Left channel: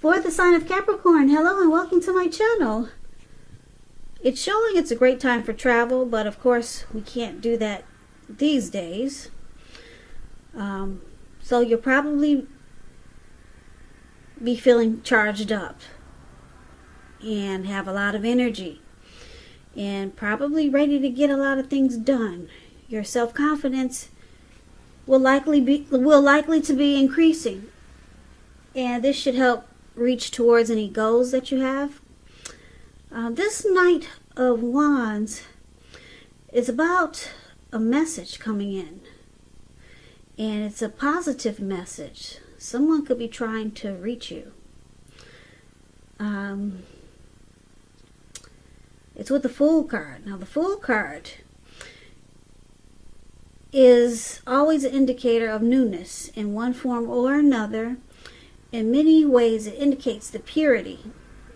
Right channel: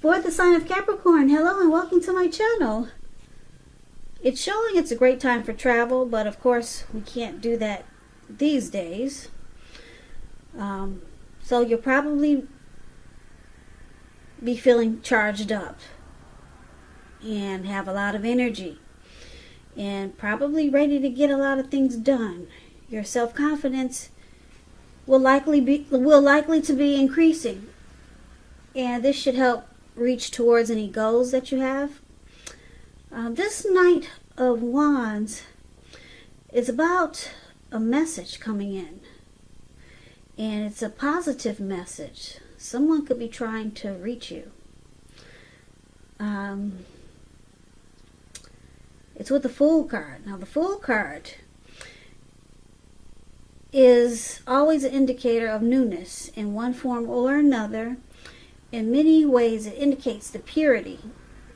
For the sign of Capricorn, hello and welcome to my channel. It's showing it's a great time for travel, but of course we can't do that these days. So you'll probably be feeling charged up and have a lot of energy and probably ready to get a lot of things done. Your self-confidence will likely to be increasing, and this should help reach towards any goals that you have. This Knight of Wands is about a message coming in, and it's a positive message. Someone could be trying to reach you. It's with the Fool card. Now the Fool card is always an indicator of newness in one form or another. In many ways it indicates the purity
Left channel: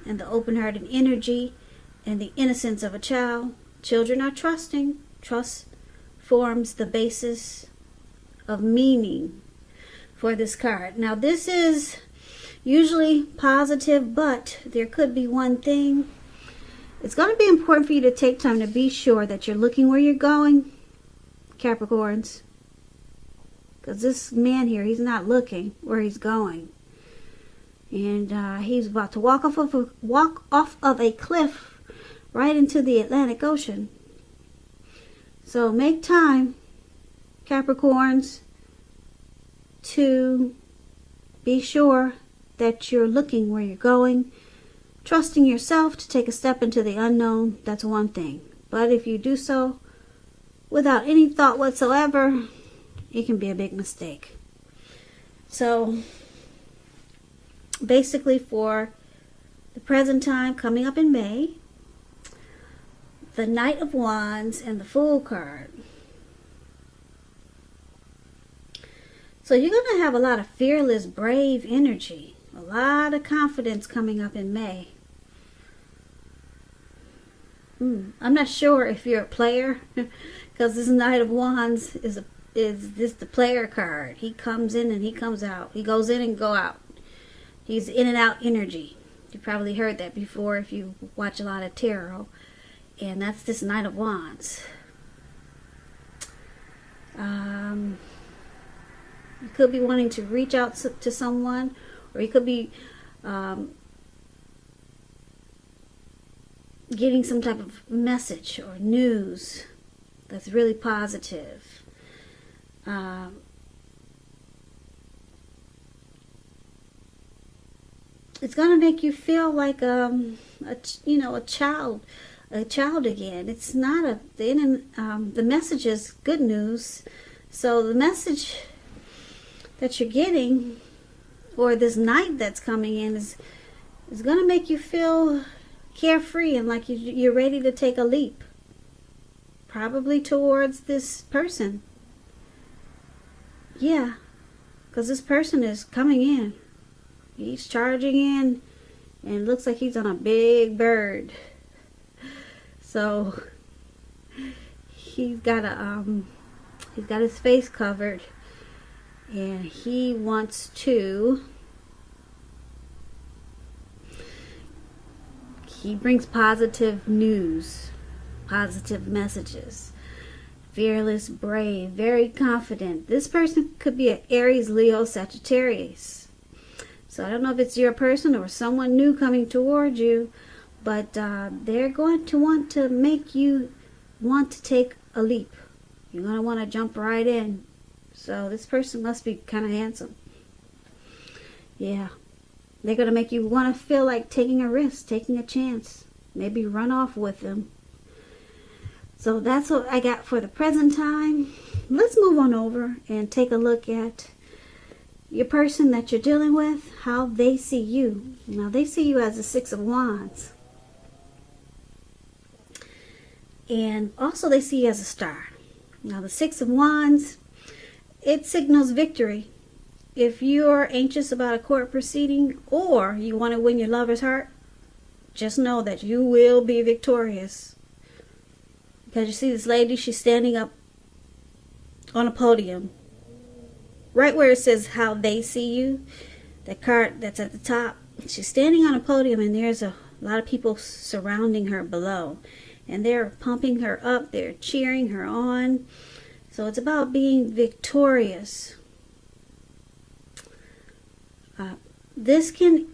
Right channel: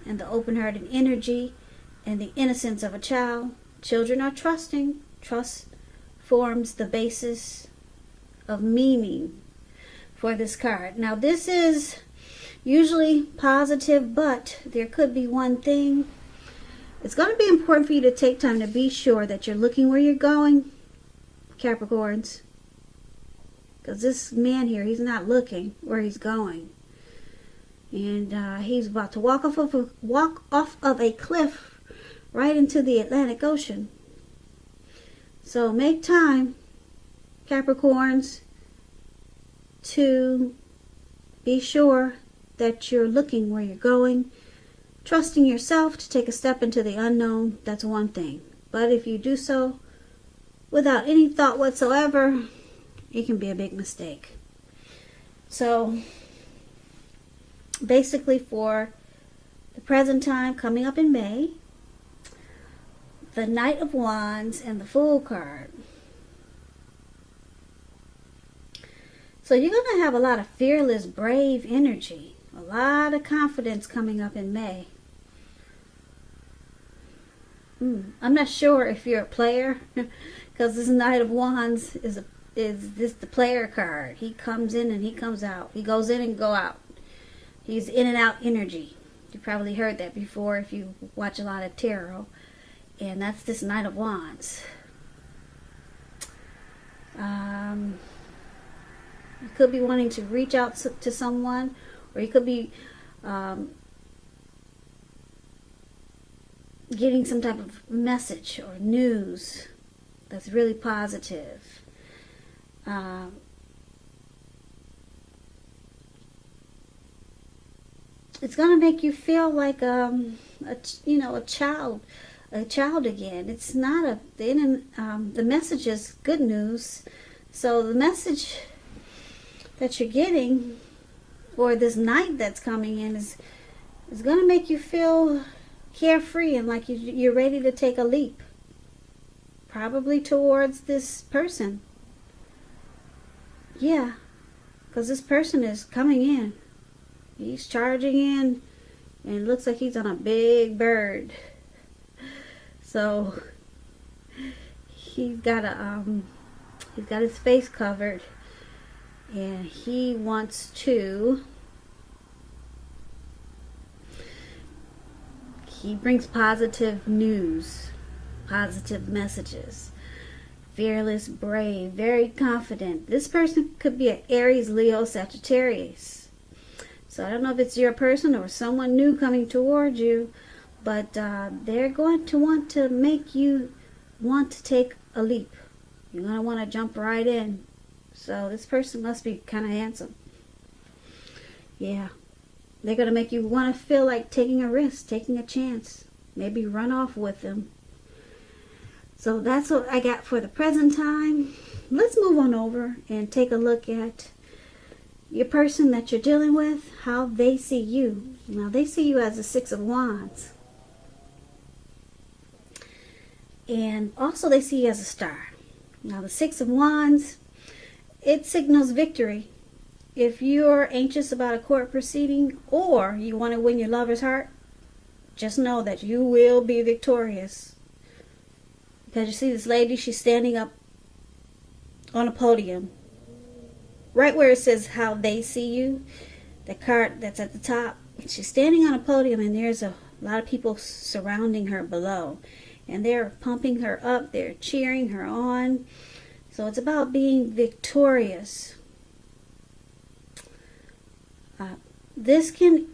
and the open-hearted energy and the innocence of a child. Children are trusting. Trust forms the basis of meaning for this card. Now this is usually positive, but there could be one thing. It's going to be important for you to take time to be sure that you're looking where you're going, Capricorns, because this man here, he's not looking where he's going, and he's about to walk off of a cliff right into the Atlantic Ocean. So make time, Capricorns, to be sure that you're looking where you're going. Trusting yourself to take a step into the unknown, that's one thing. But if you do so without any thought whatsoever, it can be a big mistake. So basically, for the present time coming up in May, the Knight of Wands and the Fool card. So you're going to have a lot of fearless, brave energy. A lot of confidence coming up in May. I'm not sure if you're a player, because this Knight of Wands is this the player card. He comes in and he comes out. He goes in and go out. He's in and out energy. You probably heard that before if you watch a lot of tarot. And that's this Knight of Wands. You could be wanting to reach out to someone, or you could be getting some type of message or news that's really positive. It's going to make you feel like a child again. It's not the message is good news. So the message that you're getting, or this night that's coming in, is going to make you feel carefree and like you're ready to take a leap, probably towards this person. Yeah, because this person is coming in. He's charging in, and looks like he's on a big bird. So he's got his face covered, and he wants to. He brings positive news, positive messages. Fearless, brave, very confident. This person could be an Aries, Leo, Sagittarius. So I don't know if it's your person or someone new coming towards you, but they're going to want to make you want to take a leap. You're going to want to jump right in. So this person must be kind of handsome. Yeah. They're going to make you want to feel like taking a risk, taking a chance. Maybe run off with them. So that's what I got for the present time. Let's move on over and take a look at your person that you're dealing with, how they see you. Now, they see you as a Six of Wands. And also they see you as a star. Now, the Six of Wands, it signals victory. If you're anxious about a court proceeding, or you want to win your lover's heart, just know that you will be victorious. Because you see this lady, she's standing up on a podium. Right where it says how they see you, the card that's at the top, She's standing on a podium, and there's a lot of people surrounding her below, and they're pumping her up, they're cheering her on. So it's about being victorious. This can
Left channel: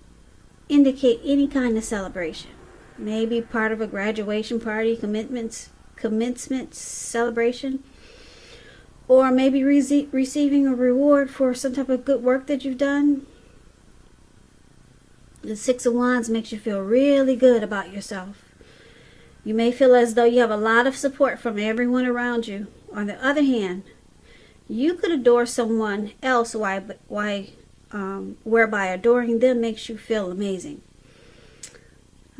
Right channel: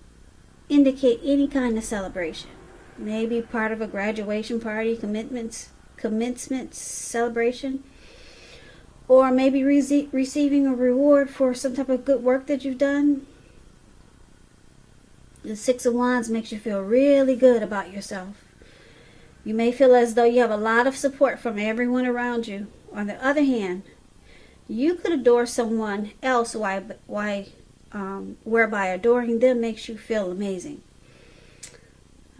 indicate any kind of celebration. Maybe part of a graduation party, commencement celebration, or maybe receiving a reward for some type of good work that you've done. The Six of Wands makes you feel really good about yourself. You may feel as though you have a lot of support from everyone around you. On the other hand, you could adore someone else whereby adoring them makes you feel amazing.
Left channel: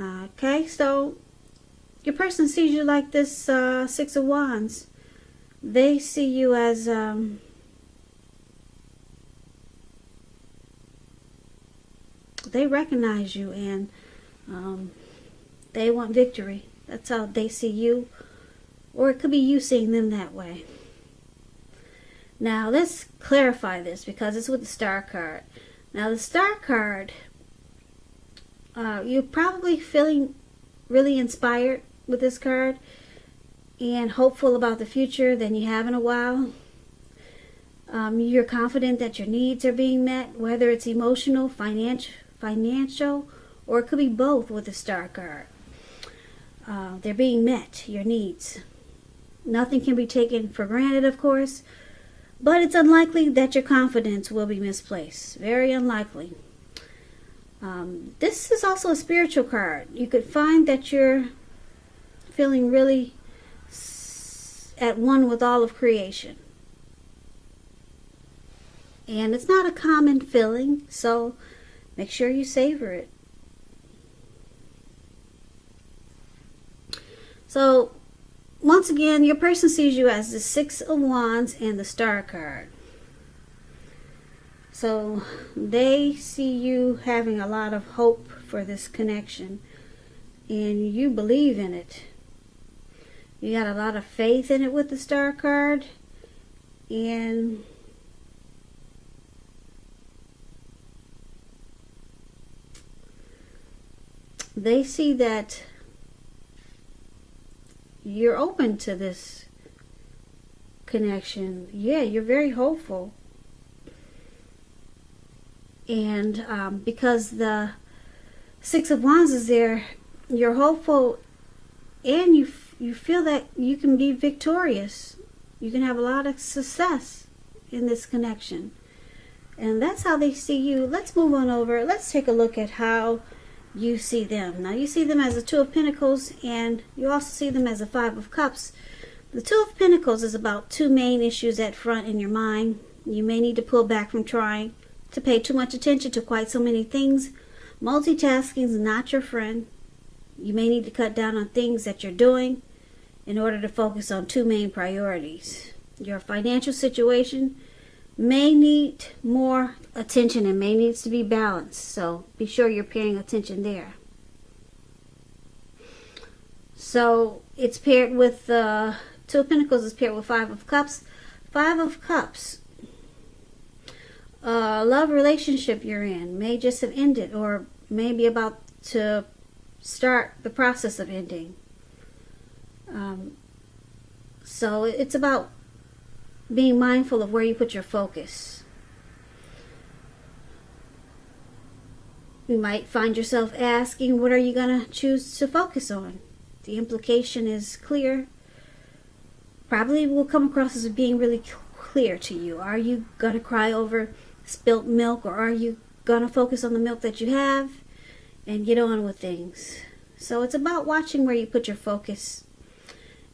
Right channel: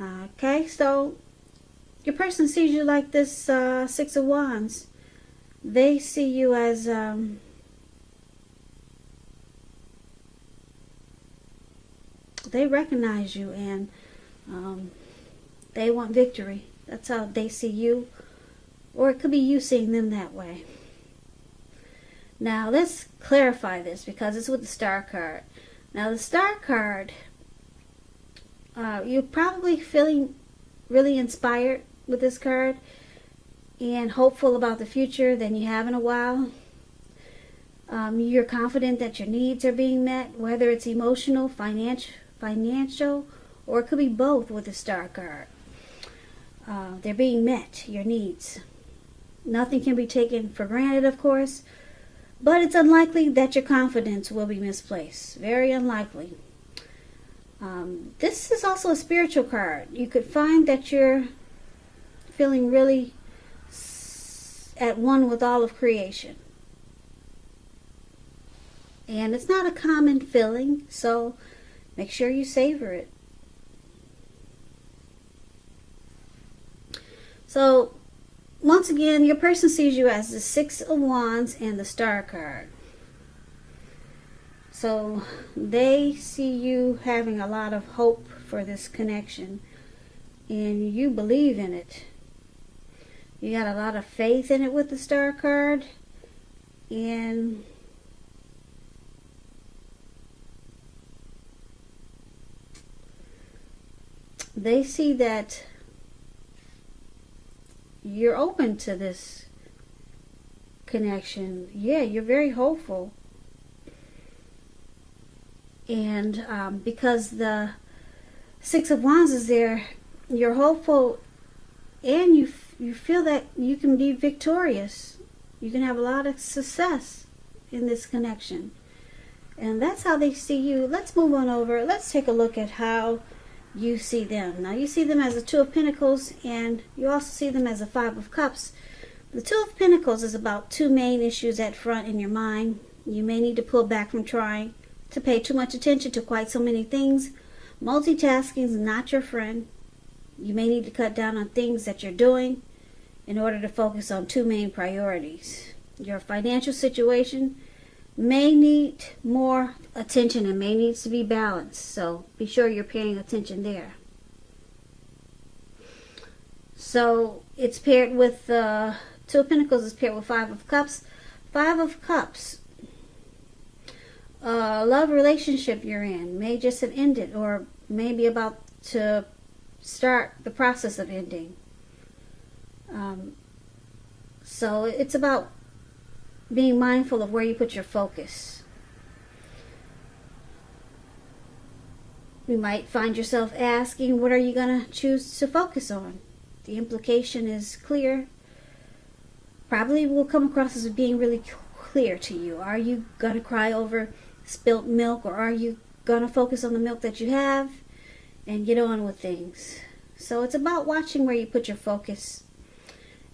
Okay, so your person sees you like this Six of Wands. They see you as they recognize you, and they want victory. That's how they see you, or it could be you seeing them that way. Now let's clarify this, because it's with the Star card. Now the Star card, you're probably feeling really inspired with this card and hopeful about the future than you have in a while. You're confident that your needs are being met, whether it's emotional, financial, or it could be both with the Star card. They're being met, your needs. Nothing can be taken for granted, of course, but it's unlikely that your confidence will be misplaced. Very unlikely. This is also a spiritual card. You could find that you're feeling really at one with all of creation. And it's not a common feeling, so make sure you savor it. So, once again, your person sees you as the Six of Wands and the Star card. So, they see you having a lot of hope for this connection, and you believe in it. You got a lot of faith in it with the Star card, and they see that you're open to this connection. Yeah, you're very hopeful. And because the Six of Wands is there, you're hopeful, and you feel that you can be victorious. You can have a lot of success in this connection. And that's how they see you. Let's move on over. Let's take a look at how you see them. Now you see them as a Two of Pentacles, and you also see them as a Five of Cups. The Two of Pentacles is about two main issues at front in your mind. You may need to pull back from trying to pay too much attention to quite so many things. Multitasking is not your friend. You may need to cut down on things that you're doing in order to focus on two main priorities. Your financial situation may need more attention and may needs to be balanced. So be sure you're paying attention there. So it's paired with Two of Pentacles is paired with Five of Cups. Five of Cups. Love relationship you're in may just have ended, or maybe about to start the process of ending. So it's about being mindful of where you put your focus. You might find yourself asking, what are you going to choose to focus on? The implication is clear. Probably will come across as being really clear to you. Are you going to cry over spilt milk, or are you going to focus on the milk that you have and get on with things? So it's about watching where you put your focus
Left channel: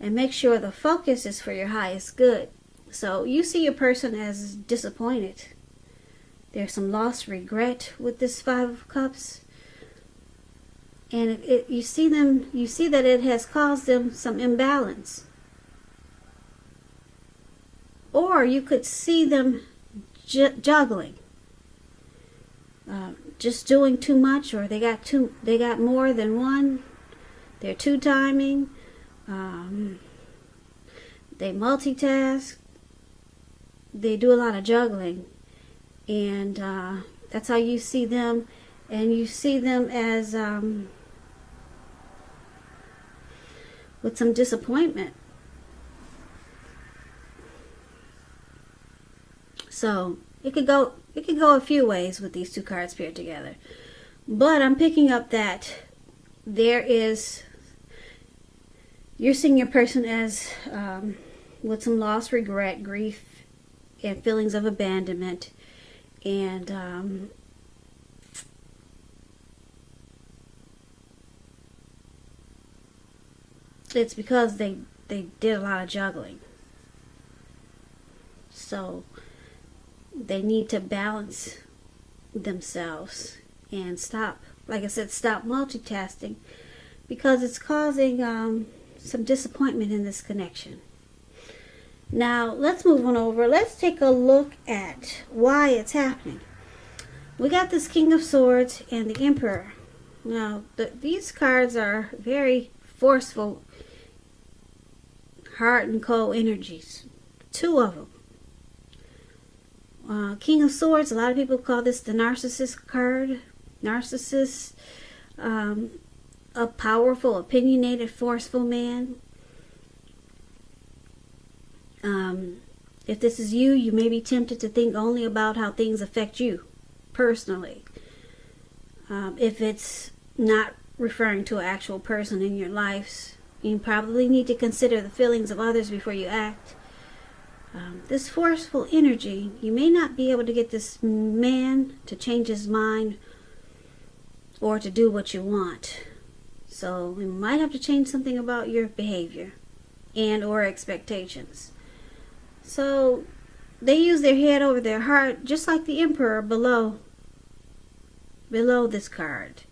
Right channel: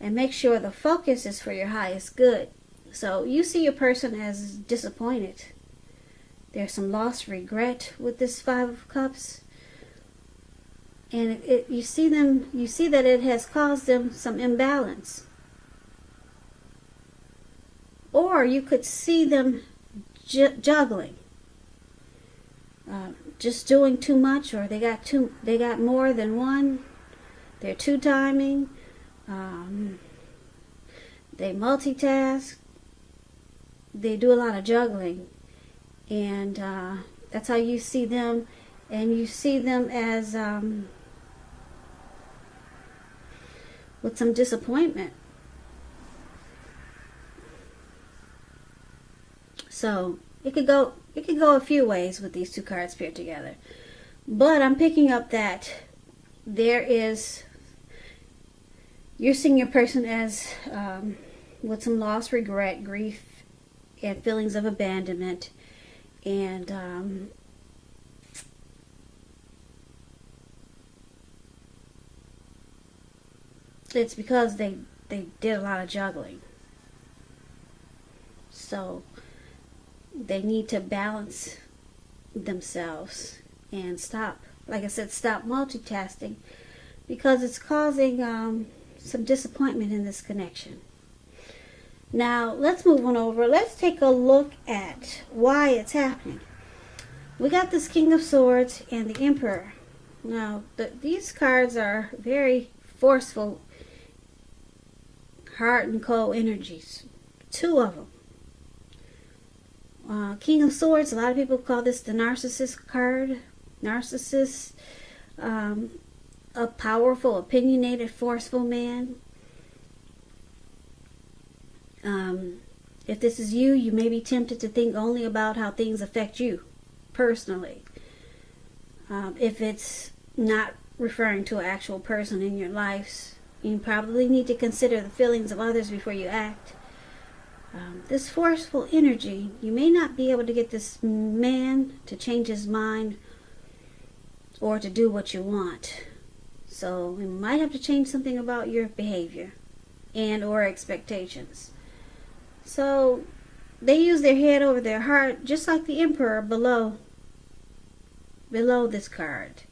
and make sure the focus is for your highest good. So you see your person as disappointed. There's some lost regret with this Five of Cups. And you see that it has caused them some imbalance. Or you could see them juggling. Just doing too much, or they got more than one. They're two-timing. They multitask. They do a lot of juggling, and that's how you see them. And you see them as with some disappointment. So it could go a few ways with these two cards paired together. But I'm picking up that you're seeing your person as with some loss, regret, grief, and feelings of abandonment. And it's because they did a lot of juggling. So they need to balance themselves and stop, like I said, stop multitasking, because it's causing some disappointment in this connection. Now, let's move on over. Let's take a look at why it's happening. We got this King of Swords and the Emperor. Now, these cards are very forceful, heart and cold energies. Two of them. King of Swords, a lot of people call this the narcissist card. Narcissist, a powerful, opinionated, forceful man. If this is you, you may be tempted to think only about how things affect you personally. If it's not referring to an actual person in your life, you probably need to consider the feelings of others before you act. This forceful energy, you may not be able to get this man to change his mind or to do what you want. So you might have to change something about your behavior and or expectations. So they use their head over their heart, just like the Emperor below this card.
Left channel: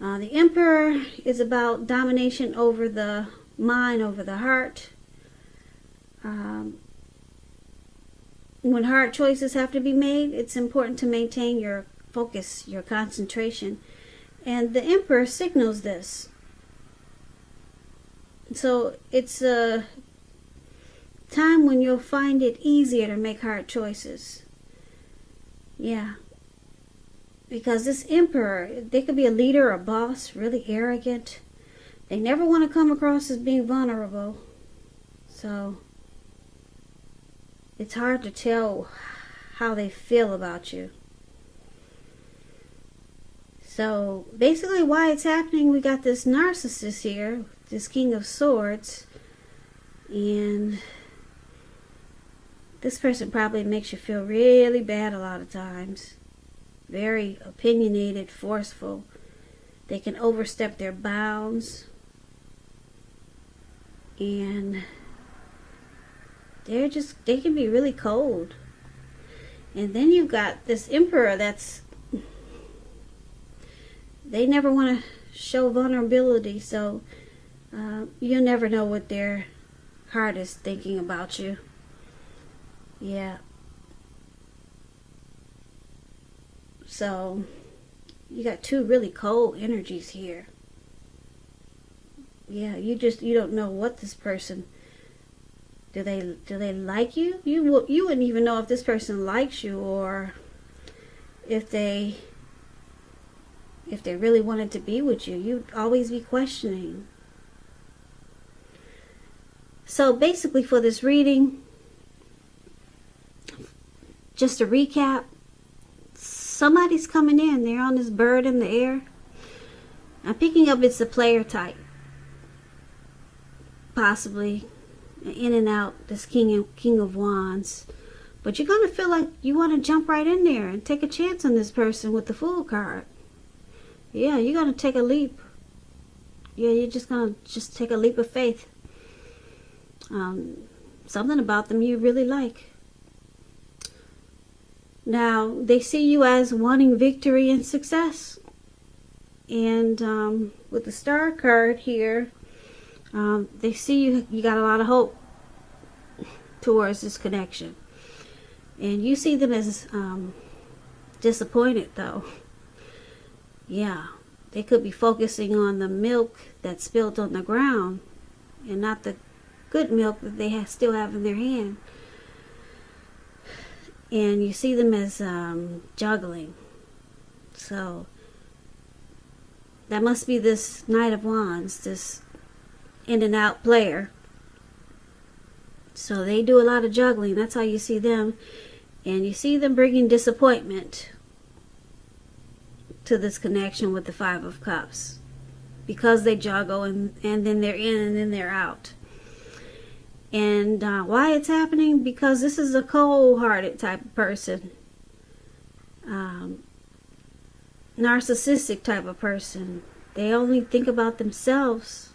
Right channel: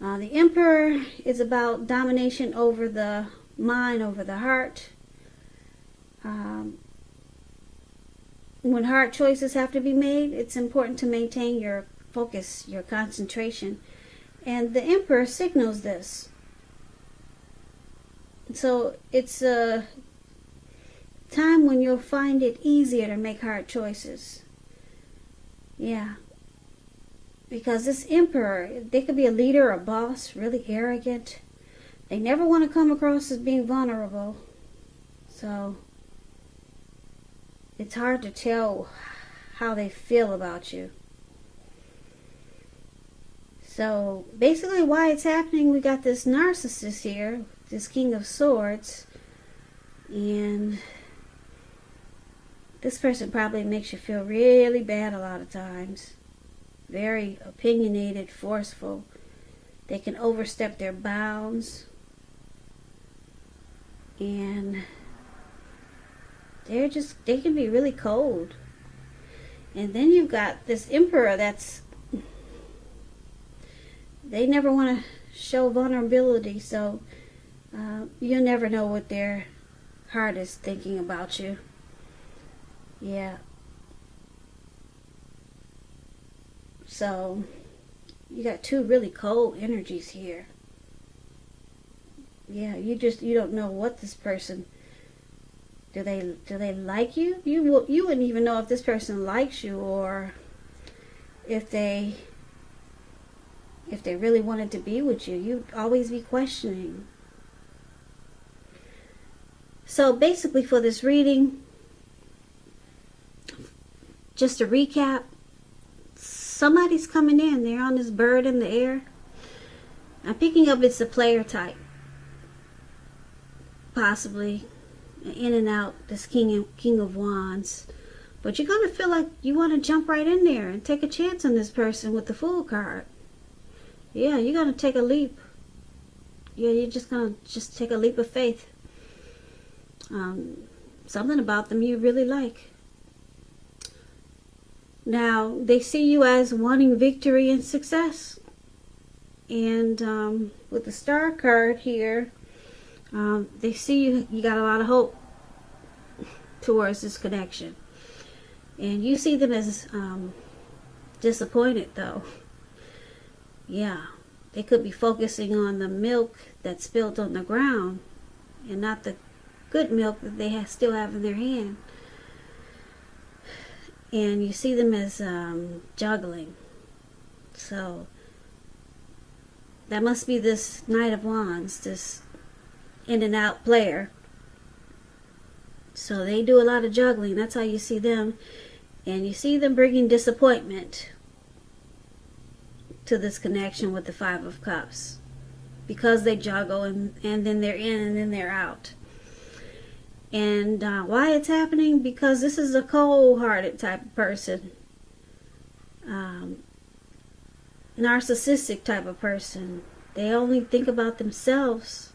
The Emperor is about domination over the mind, over the heart. When hard choices have to be made, it's important to maintain your focus, your concentration. And the Emperor signals this. So it's a time when you'll find it easier to make hard choices. Yeah. Because this Emperor, they could be a leader or a boss, really arrogant. They never want to come across as being vulnerable. So it's hard to tell how they feel about you. So basically why it's happening, we got this narcissist here, this King of Swords, and this person probably makes you feel really bad a lot of times. Very opinionated, forceful. They can overstep their bounds. And they can be really cold. And then you've got this Emperor they never want to show vulnerability, so you'll never know what their heart is thinking about you. Yeah. So you got two really cold energies here. Yeah, you don't know what this person, do they like you? You wouldn't even know if this person likes you, or if they really wanted to be with you. You'd always be questioning. So basically for this reading, just to recap, somebody's coming in. They're on this bird in the air. I'm picking up it's a player type. Possibly in and out, this King of Wands. But you're going to feel like you want to jump right in there and take a chance on this person with the Fool card. Yeah, you're going to take a leap. Yeah, you're just going to take a leap of faith. Something about them you really like. Now, they see you as wanting victory and success. And with the Star card here, they see you got a lot of hope towards this connection. And you see them as disappointed, though. Yeah, they could be focusing on the milk that's spilled on the ground and not the good milk that they still have in their hand. And you see them as juggling. So that must be this Knight of Wands, this in and out player. So they do a lot of juggling. That's how you see them. And you see them bringing disappointment to this connection with the Five of Cups. Because they juggle and then they're in and then they're out. And why it's happening? Because this is a cold-hearted type of person. Narcissistic type of person. They only think about themselves.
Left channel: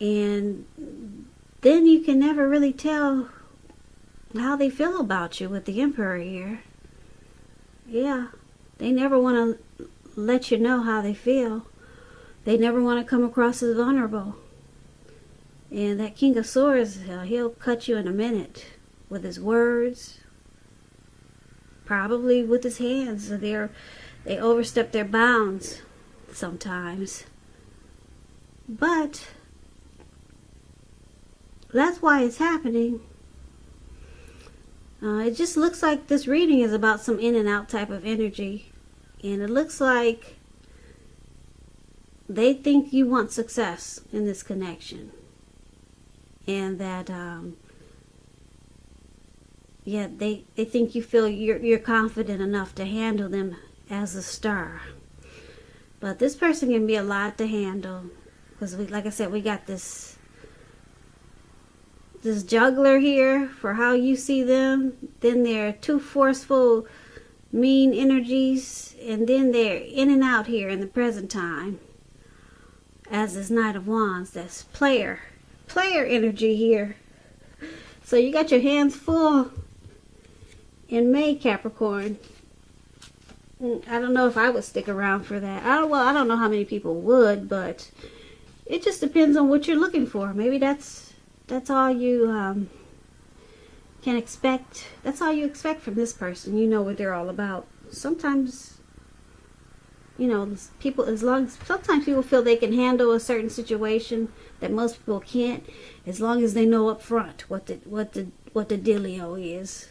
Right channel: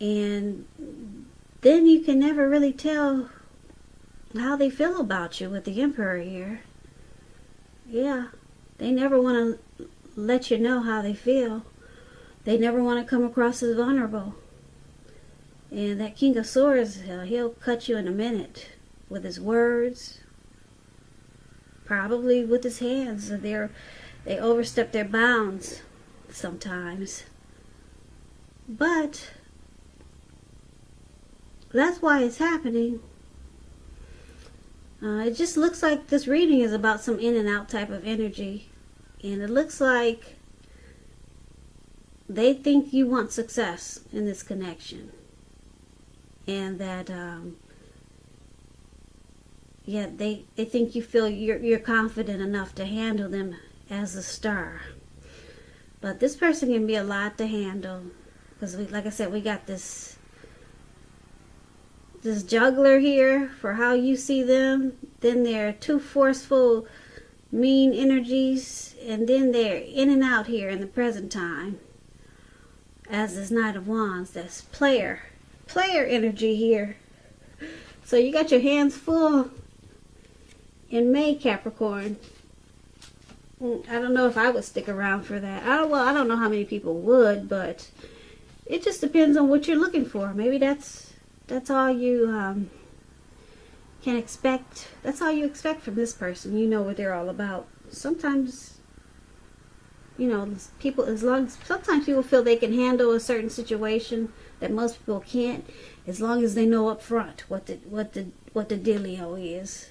And then you can never really tell how they feel about you with the Emperor here. Yeah, they never want to let you know how they feel. They never want to come across as vulnerable. And that King of Swords, he'll cut you in a minute with his words, probably with his hands. They overstep their bounds sometimes. But that's why it's happening. It just looks like this reading is about some in and out type of energy. And it looks like they think you want success in this connection. And that, they think you feel you're confident enough to handle them as a star. But this person can be a lot to handle. Because, like I said, we got this juggler here for how you see them. Then they're too forceful, mean energies. And then they're in and out here in the present time. As this Knight of Wands, that's player energy here. So you got your hands full in May, Capricorn. I don't know if I would stick around for that. I don't know how many people would, but it just depends on what you're looking for. Maybe that's all you can expect. That's all you expect from this person. You know what they're all about. Sometimes, sometimes people feel they can handle a certain situation that most people can't, as long as they know up front what the dealio is.